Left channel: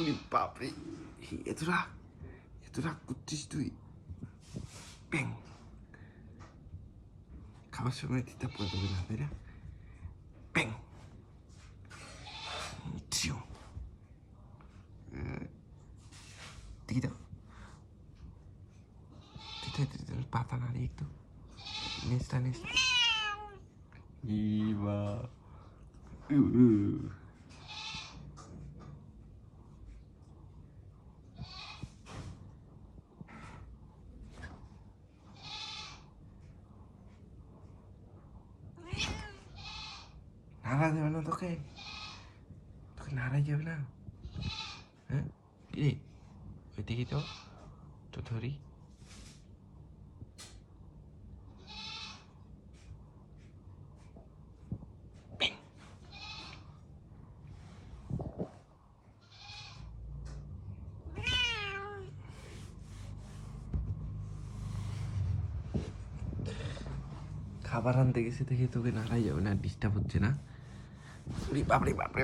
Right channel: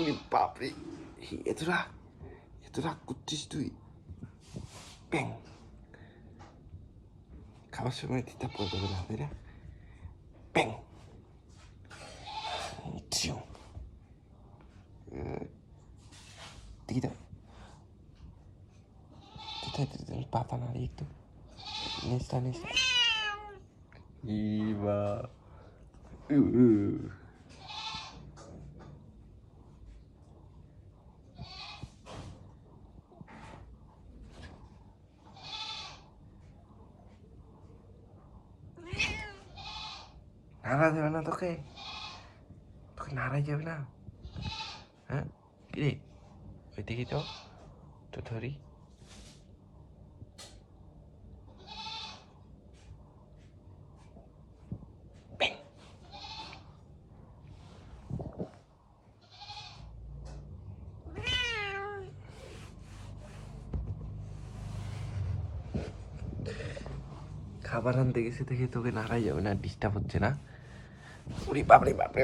উনি বাপরে, এতটা এতটা করছিস তুই? ব্যাং, খাওয়ার সময় দিতে পড়বে না, তাই না? ব্যাং, দিকে দাও, দিতে পাতা নাড়ি একটু, নেচটা ইবা নাড়া যাবে না তোকে, তোকে নাড়াই যাবে না। হ্যাঁ রে, ওই দিকে তো তো ধরি। খাবার আনতে গেছে দেখে তোকে নাড়াই যাবে না, ডিস্টার্ব হচ্ছে না? ওরে বাপরে বাপরে।